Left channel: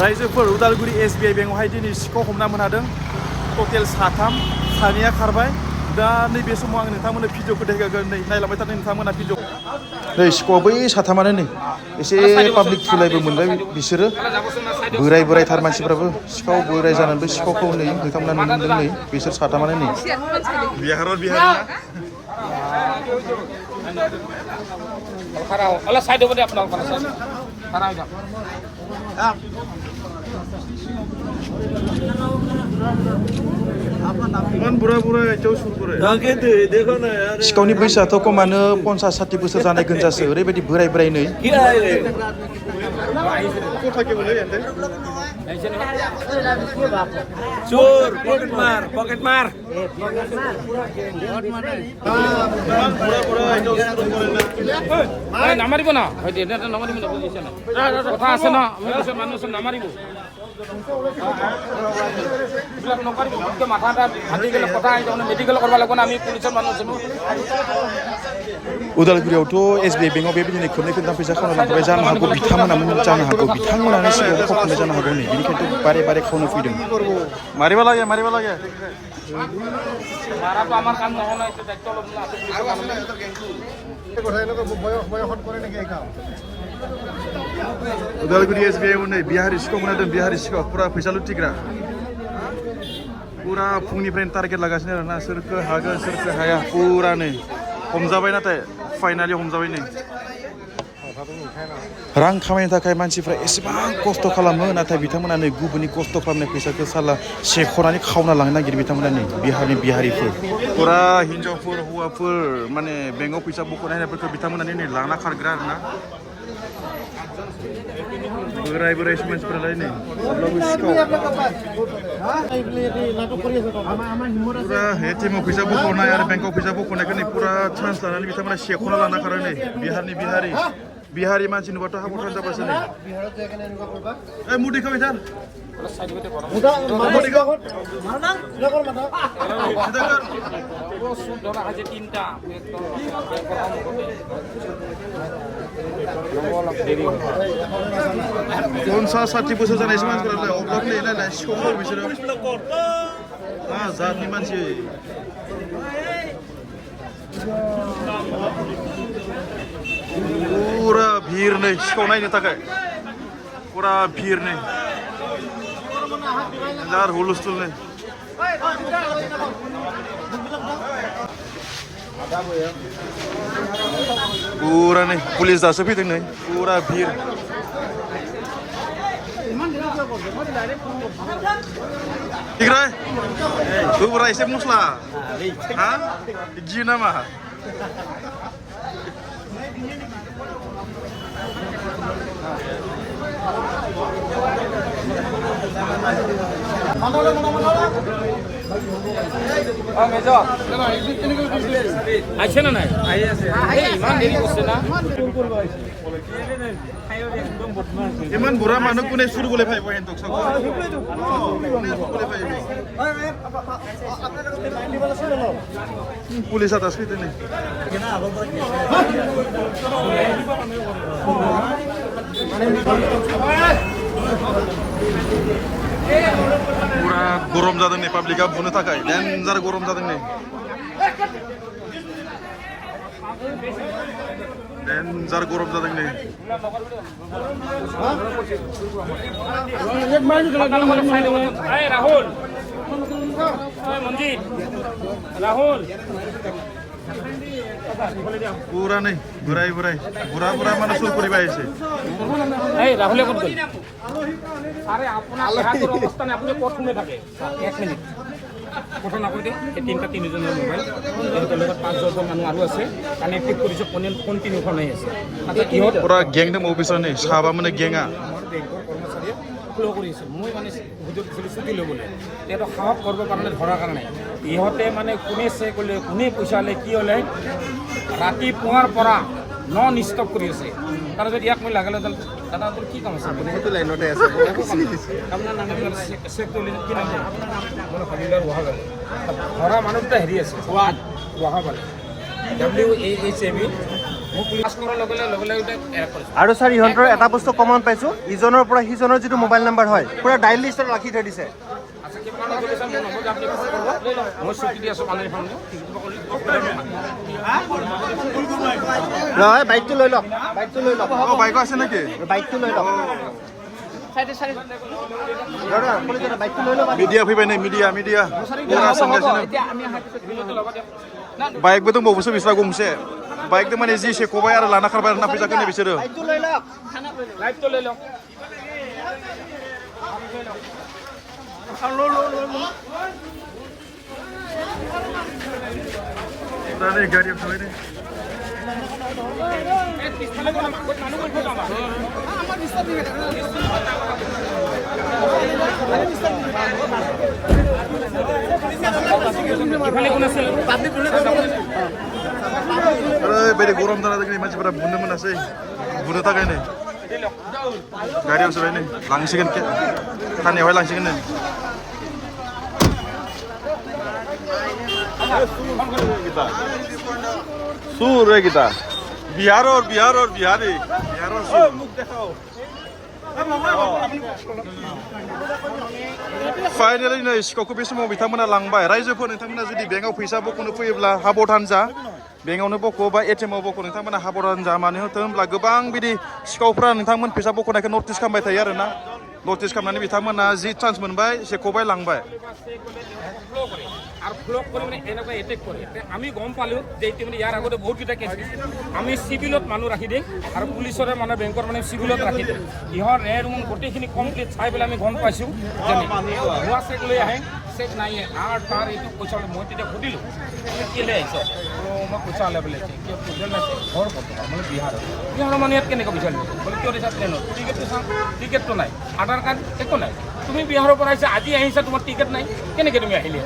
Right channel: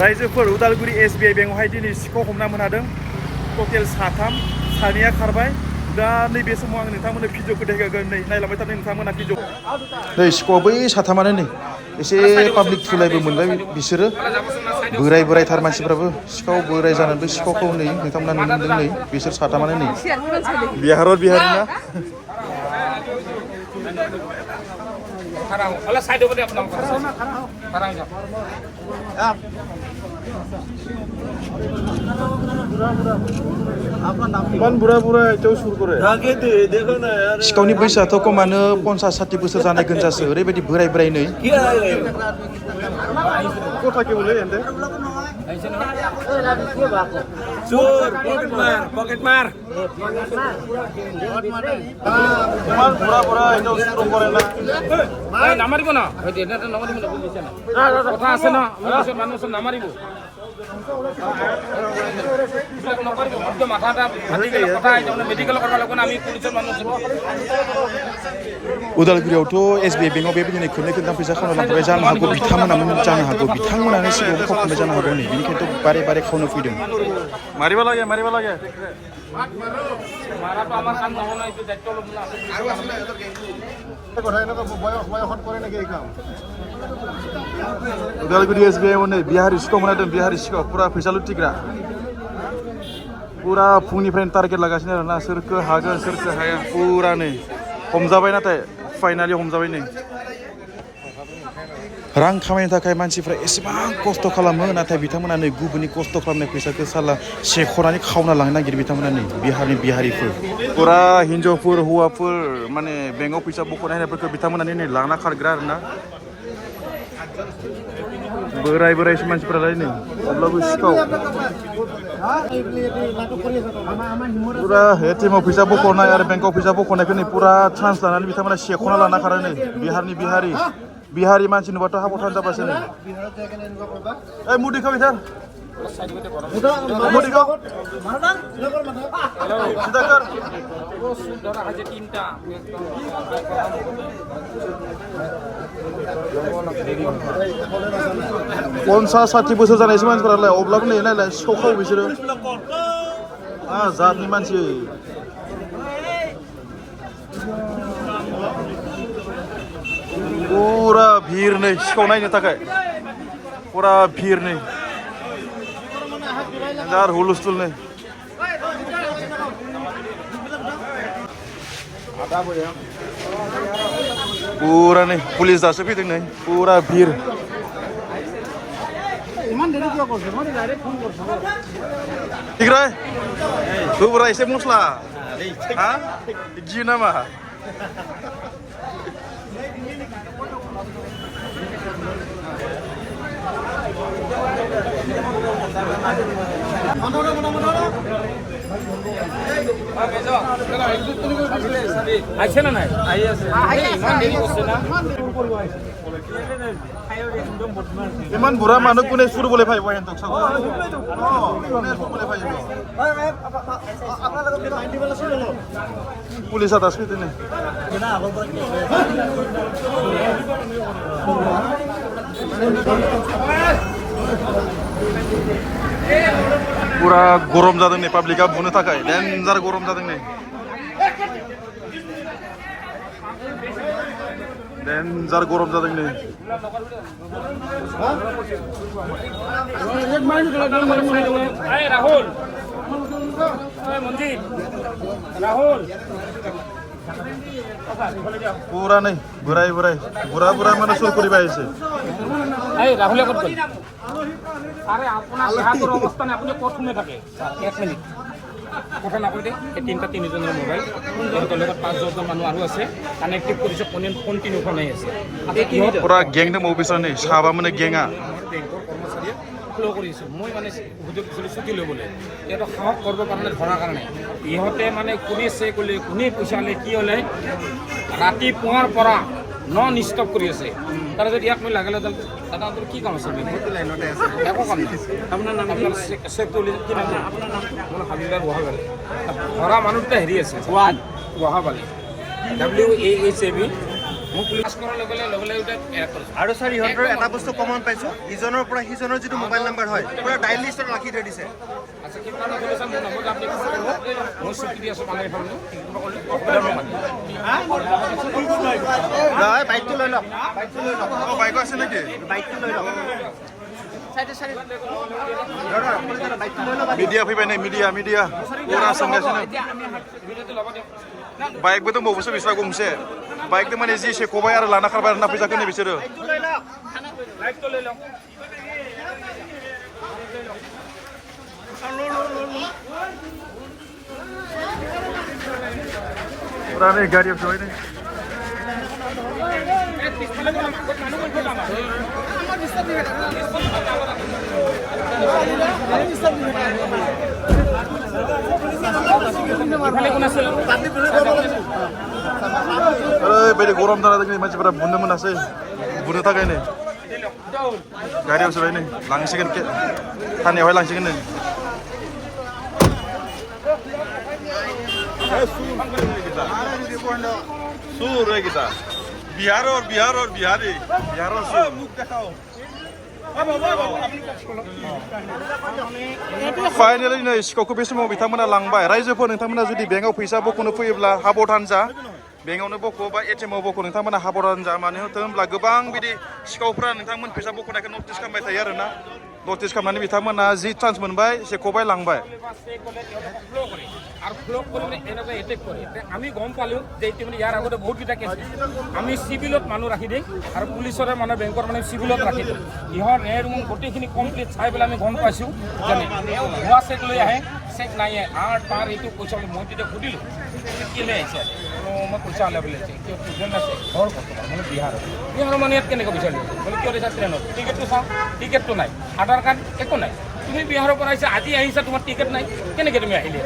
रायजोफोर उदालगुरि SBI बेंकआवहाय दिनै सिखाव हमना मोनहादों टटेल साथाम सानैया खारबाय दा नैबे समाव आं नोंथांमोननो भिडिअखौ देखायगोन नै नायलांबाय थादों नोंथांमोना भिडिअ नै सिखावा बै साथामानो नै एसे पाब्लिक थुलायबो मोनबाय बिसोरो बोराय बोरायथार मानसिफ्राबो सिखाव बोराय जानानैबो सिखावखौ नै नोंथांमोना नुनो मोनदों नै बिसोर साथामानो नै बिहार बिहारि ना अलग साइड over अपना खड़ा हो जाओ मान बुरा बुरा जौ सुर करे सिखावनि बैसोआथ' खमानो 50-60 बोसोर जानाय गोनजासो ओरैबायदि बोराय बोराय नै चोर पॉकेट मार मान बुरा बुरा जौ सुर करे ना নামাৰিব না নামাৰিব না বুজিছে না কথা আছে না আমি কিছু মানুহ নামাৰিব এইবিলাক নকৰিব মধ্যে মাথাটা ফাটি গেলে কথা আইছে মানে মেডিকেল কৰিব লাগিব না আমি পুলিচৰ মানুহ আছো उदालगुरियावथ' SBI बेंकआव बेबायदिनो खोननै खोनथाम फैसा खावना लांबाय जानो हागौ बिथांमोनानो सिगाङाव खावखांबाय जानो हागौ नै बेनिखायनोथ' बारे बारे खावनो फैदों मारिबा লাগে उदालगुरि SBI आव नै बिहारि सिखाव मोनदों बिहारि सिखाव पुरा फैसा लुटिग्रा पुरा फुंनिफ्रायनो टारगेट लागासिनो आरोना सोरखो हागोन सोरखो हाया पुरा नै हमजाबाय नाथाय फाइनालि हमजाबाय नै रां खामायनो थाखाय मानसिफ्रा एसेबां खस्थ' खालामो नाथाय बिथांमोना नै गुबुननि खस्थ' खालामनाय फैसाखौ साला सेख'नानै खावना लांनो नागिरो बिथांमोना नै बिहारिफोर पुरा हिन्जावफोर हौवाफोर माने बेंकआव फैसा बख'नाय होनायफोरखौ बिथांमोना नै लांना खारग्रा आरोना बोराय मानसिफोरालाय नै अब्लाबो सिखाव पुरा ATMआव फैसा बख'नाय आरो बेंकआव फैसा बख'नायखौ नै पुरा चान्स लानानै बिथांमोना सेख'ना लाना खारो नै बिहारि मानसि नुबाथ' हाबथान जाबासो नै ओइ मुदिखौ बिथां मुदिखौ पन्सास 60 बोसोर जानायसो मानसिफोरालाय अब्लाबो नै नायलाय सिखाव खाव बिसोरो जातनि मानसि पुरा भिर नै सिखाव नायनो थाखाय पुरा भिर नै जार हुलुस्थुल नै पुरा नै पुलिस दासो फैदों नै पुरा भिर Tigray, tuh berai saya muslah, hah? Gini mah. আছে না নাই ইমান দেৰি কৰিছে না ইমান বুঢ়া মানুহ কোনে চুৰ বুলি ভাবিব হেন্তক চাব কোনে চুৰ বুলি ভাবিব পুলিচ এটা আছে তেনে পুরা গরম जादों नै पाब्लिकआ बुनो थाखाय डेन्जार गरम जादों नै डेन्जार गरम जादों नै राहुल मंजीत राहुल পুরা नै বুঢ়াই বুঢ়া মানে চুৰ কৰিব আহিছে এই রাহুলে কত গল আরে আপনার অবস্থানে আপনি প্রথমে থাকে 1 মিনিট কথা না কইতে এই তিনজনের মোবাইল এর 5-10 মানুষ আৰু আছে কানেক্টেড কৰিছে ফোন তিনিখন নাই আছে পুৰা গ্যাংডম অফিসাৰ नै সাবা মানে গ্যাংা ফ্লো কৰিছে মই মানে সুযোগ দিছিলো ছুটি ল'বলৈ এটা সাহস কৰিব পৰা নাই ধৰাৰ কাৰণে ইহঁতে মানে কোনে চে ক'লে কোনে পইচালে কি হ'লে ৰাতি পুৱাৰ পৰা নন ষ্টপ কৰি আছে তারা যদি এক মিনিট লাগালে দাদা তোর কি কাম আছে লাইনতে আছে একো কাম নাই আপনার চেক করলে কি নাম মানে ফাইনাল বহা গেল ধরা মানুষটা হেরি আছে ওয়াহাবালি WAHAB মোক পাছ কৰাৰ লগে লগে এৰেষ্ট কৰিছে আৰু ছাৰ ইহঁতৰ এটা বস্তু কমন পাইছোঁ ইজনৰ পৰা সিজনৰ যিটো মোবাইল নাম্বাৰ হয় পুৰা ডাইল লিষ্টত ৰাখি থৈ দিছে আচ্ছা কিবা কাৰণত চলিছে মোৰ নম্বৰটো আপুনি ফোন কৰিব মই ছুটি দি আছোঁ পানীৰ ফাৰ্ম নহয় বাইকটো লৈ লওক বাইকটো লৈ লওক অঁ বাইকো আছে নেকি বাইকটো লৈ লওক मिडिया फैबाय नै मिडिया पुरा सोंगासिनो बाइकबो दंबावोसो बिस्रा गंसे बाइकजों माने जि सेखबाय आरो लाना खारबाय आरो ना फैसाखौ नै बिसोरो पुरा नै गाडीयाव सोबाय नै ओरैबायदि गरम जाना जोंनि मानसिफोरा बुनो मोनासै बुनो थाखाय नै गारियाव सोबाय नै लांसिगोन थानायावहाय लांसिगोन नै सुर है kita बिहार और बिहारी बिहार और सुर फाइनाली नै सिखावखौ बे समाव बिथांमोना लांबाय रायजोफोर नोंथांमोना जुदि बेंकआव फैसा बख'नो फैयोब्ला हाबधान जा बेंकआवनो बख' बा एटिएमआव बख' नोंथांमोना हाबधान जा मानो होनोब्ला गोबां बिदि सिखावफ्रा नोंथांमोन फैसा बख'नायखौ नटिस खालामबाय थायो आरोना नटिस खालामनानै बिथांमोना जि चान्स मोनबाय सेखबाय लांबाय আৰু ফ্লক কৰি মানে এনেকুৱা এটেক কৰে আমি গম পালোঁ যে এইটো মানে ইয়াৰ আগতে বহুতকেইটা কেছ আমি চিভিলত মানুহ ৰাখি দিম আৰু পুলিচৰে মানে বেংকৰ মানে চিভিলত ৰাখি দিম ইহঁত ৰেড ৰুম গোটেইখিনি কমপ্লিট চাই পেলাই আমি গম পাইছোঁ জানি ভুৱা চেক লৈ আহে চেক নাই আৰু তাৰ এইটো পইচা মই তেতিয়া সুধিলোঁ কেলৈ আহিছে মই পইচা ওলাই বুলি আছে কিয় ষ্টুডেণ্ট আছে ঘৰ ক'ত মানে বিহাৰৰ মানে ইয়াত কেনেকৈ পইচা লৈছে বোলে কিয় দিছা ট্ৰেইনত টিকেটটো চাওঁ টিকেটটো নাই আধাৰ কাৰ্ড একো নাই তুমি বিহাৰৰ পৰা আহিছা আজি আহিছা তোমাৰ টিকেট নাই কেনেকৈ তুমি আহিলে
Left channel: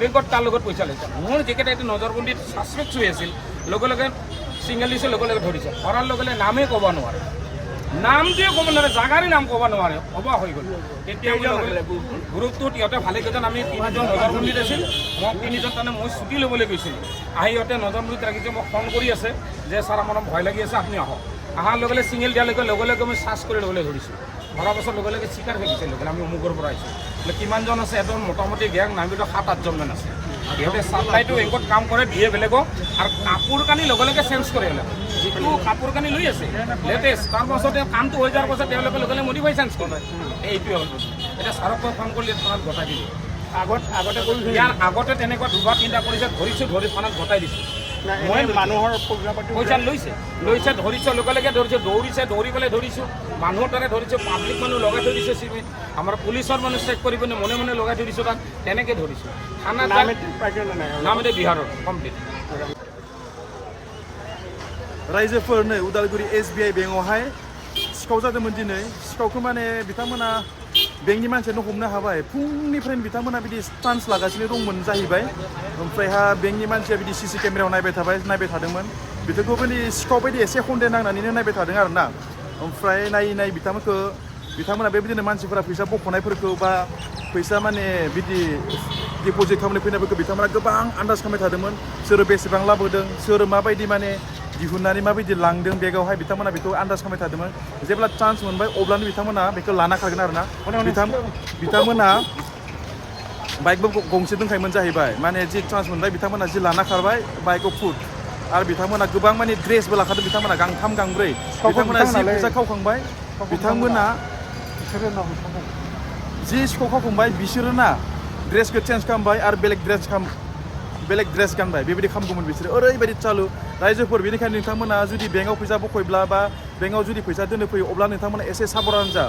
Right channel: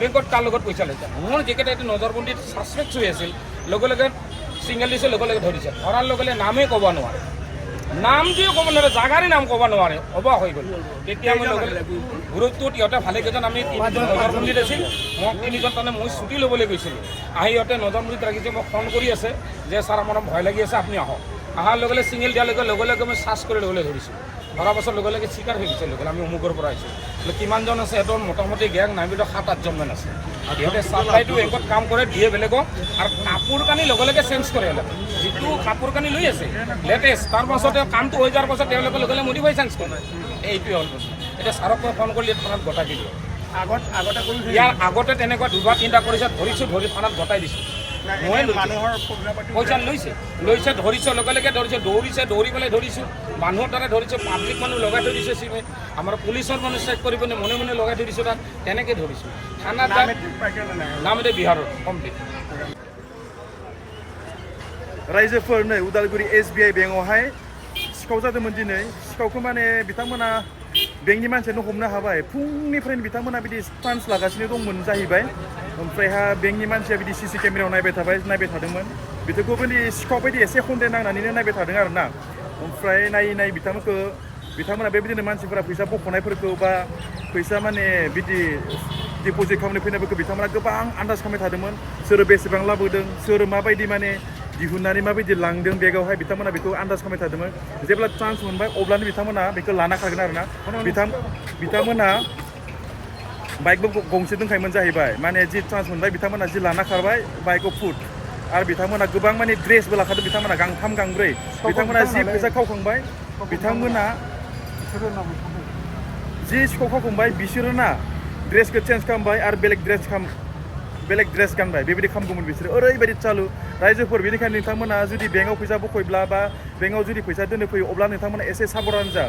বেংকত তাৰ লগত পইচা লৈছা মোৰ যিকেইটা এইটো নজৰবন্দীত ছাছপেক্ট হৈ আছিল লগে লগে ছিংগল দিছে লগে লগে ধৰিছে ধৰাৰ লগে লগে নামেই ক'ব নোৱাৰে নামটোৱে ক'ব নোৱাৰে জাগাৰে নাম ক'ব নোৱাৰে অবাক হৈ গ'ল তেতিয়া আমি লগে লগে গ্ৰুপটোত ইহঁতে ভালেকেইজন আমি তিনিজন নজৰবন্দীত আছিল মোক তিনিজন তাৰমানে মই ছুটি ল'বলৈ গৈছিলোঁ আহি ইহঁতে নজৰবন্দীত ৰাখিছোঁ মোক ফোন কৰি আছে যে ছাৰ আমাৰ ভয় লাগি আছে আপুনি আহক অহাৰ লগে লগে ছিংগল দিয়ালৈকে লগে লগে মই চাৰ্চ কৰি ল'বলৈ ধৰিছোঁ ধৰা পাছত লগে লগে স্বীকাৰ হৈ গৈছে লগে আমি অমুকৰ পৰা আহিছোঁ বোলে কিমানজন আছে সিহঁতৰ মোটামুটি গেং নামিতো 7-8জনমান আছে সিহঁতে চাপ্লাইটো বেংকত কাম কৰে দিয়ে বেলেগক আৰু কাপোৰ কানি লগে লগে চেঞ্জ কৰে যিটো কাপোৰ কানি লৈ আছে লেটেষ্ট তাৰ পাছতে কামটো হৈ যোৱাৰ পাছত তেওঁলোকে লগে লগে মডিফাই চেঞ্জ কৰে এইটোৱে হ'ল এতিয়া ছাৰক মই ফোন কৰিলে থানাত গতাই দিলোঁ ইয়াৰ আগতে তেনেকুৱা 2-3টা কৰিছে ধৰি থানাত গতাই দিছোঁ মই মানুহৰ পইচা লৈছে ধৰিছে লগে লগে ধৰিছে দৌৰি পেলাই ধৰিছোঁ মানুহৰ তাৰে ধৰিছে পাব্লিক মানুহ লগাই থৈ দিছে চিমেণ্ট আমাৰ পুলিচৰ মানুহ চেক কৰি পিনে মনে লগাই থৈ দিছোঁ তাত তেনেকৈ ধৰিছোঁ থানাত নাম এতিয়া বিহাৰৰ কমপ্লিট रायजोफोर नै उदालगुरि SBI बेंकआवहाय सिखाव जादोंमोन दिनै सिखावखौ माने बिथांमोना बेंकनि मानसियानो हमनो हाबाय फुंनिफ्रायनो बिथांमोना बिदि चान्स लागासिनो दंमोन जाहैबाय ओमफ्रायहा बेंकनि मानसिया बिदि CC केमेरायाव नायबाय थादोंमोन बिथांखौ बिदि सिखाव बायदि एसे हन्देर नांनानैनो नायबाय थादों आरोना ओमफ्राय नायै बिथांमोना बेबायदिनो मानसिफोरा फैसा बख'नायफोरखौ बा फैसा माने बिदि डिप'जिट खालामनो फैनायफोरखौ बिथांमोना गोबां आन्दाज खालामबाय थादोंमोन सोर बेसेबां लाबोदों सोर माबायदि माने दिहुननानै माबायदि लांदों बेगावहाय बिथांमोना बेखौ आन्दाज खालामबाय थादोंमोन जेब्ला चान्स मोनबाय अब्लानो बिथांमोना बेखौ लाना खारगोन आरोना बिथांमोना बाइकबो गंसे दोनखायोमोन जाहैबाय माने जि चान्स मोनबाय बिथांमोना जि लाना खारबाय बाइकआव फुट आरो बिथांमोना गोबां माने ड्रेसबो लाखादों बिथांमोना गांथाम गांब्रै बिथांमोना जि फैसा खावखांबाय बिथांमोना जि सिखाव खावखांबाय बिसोरो ना ड्रेसखौ चेन्ज खालामबाय आरो बेलेग ड्रेस गानबाय बेबायदि खालामगौमोन बिसोरो ओरैबायदि चालु रायजोफोर बेनिखायनो नोंथांमोना जुदि बेंकआव फैसा बख'योब्ला बा बेंकआव जुदि फैसा दोननो फैयो अब्ला नोंथांमोना एसे साबधान जा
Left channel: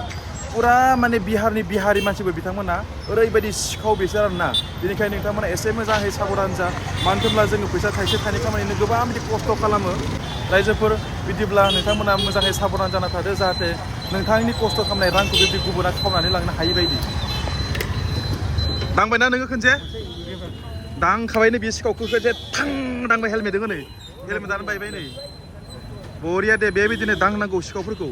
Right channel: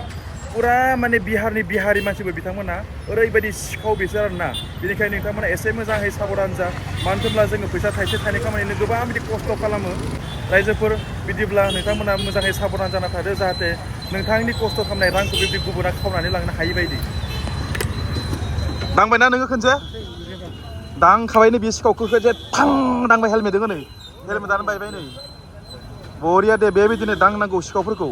पुरा माने बिहारि मानसिबो बिथांमोना ओरैबायदि सिखाव बिसोर आरोना बेनिखायनो नोंथांमोना एसे मोजाङै साबधान जा मानो होनब्ला जोङो फैसा थाइसे थाइनै खामानिनो गोबां बिदि खस्थ' खालामो रायजोफोर बिदिब्ला नोंथांमोना मोजाङै साबधान जाना थादो जाहाथे नोंथांनि खस्थ' खालामनाय रांखौ बेबायदि गुबुना खावनानै लांनो हायि बायदि दांबायना नोङो खनसे दांखाबायनो बे सिखावखौ जे थां दांबाय हेलमेटजों नै हेलमेटानो बायबाय नै बरिया दे बेबायदिनो दांनांगौ सिखावफोरखौ